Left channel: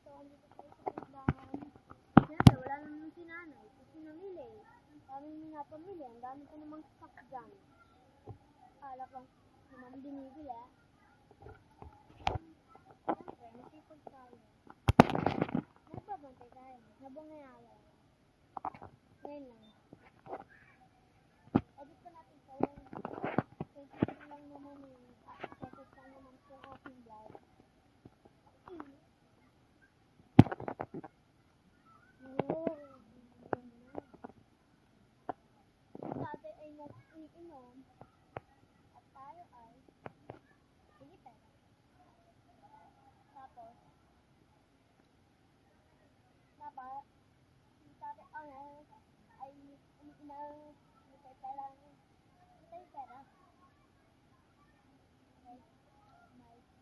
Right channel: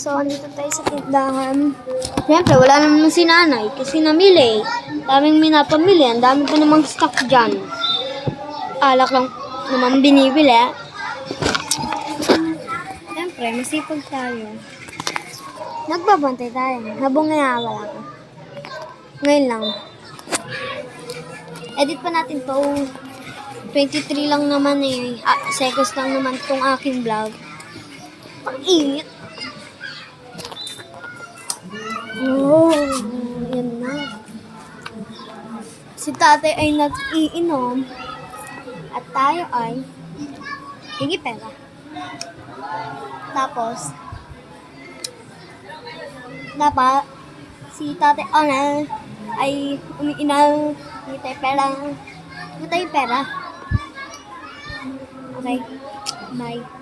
So, andito tayo sa tindahan. Siyempre, wala naman si nanay kasi namili. Daming minapamili. Ang dami pa namang stock dyan. Alak lang naman binibili. Siyempre, masipag tayo. Nagbabantay tayo. Habang wala ka. Ngayon lang. Edit pa natin to. 23 lang naman eh. Seconds lang naman tong aking vlog. Pag-init. Oh, yan na. Si tatay ay nag-iinom at tayo ay hingi pera. Tapos, dapat si tatay Onel ay umiinom, hingi tayo pera. Hingi tayo pera. Okay, bye.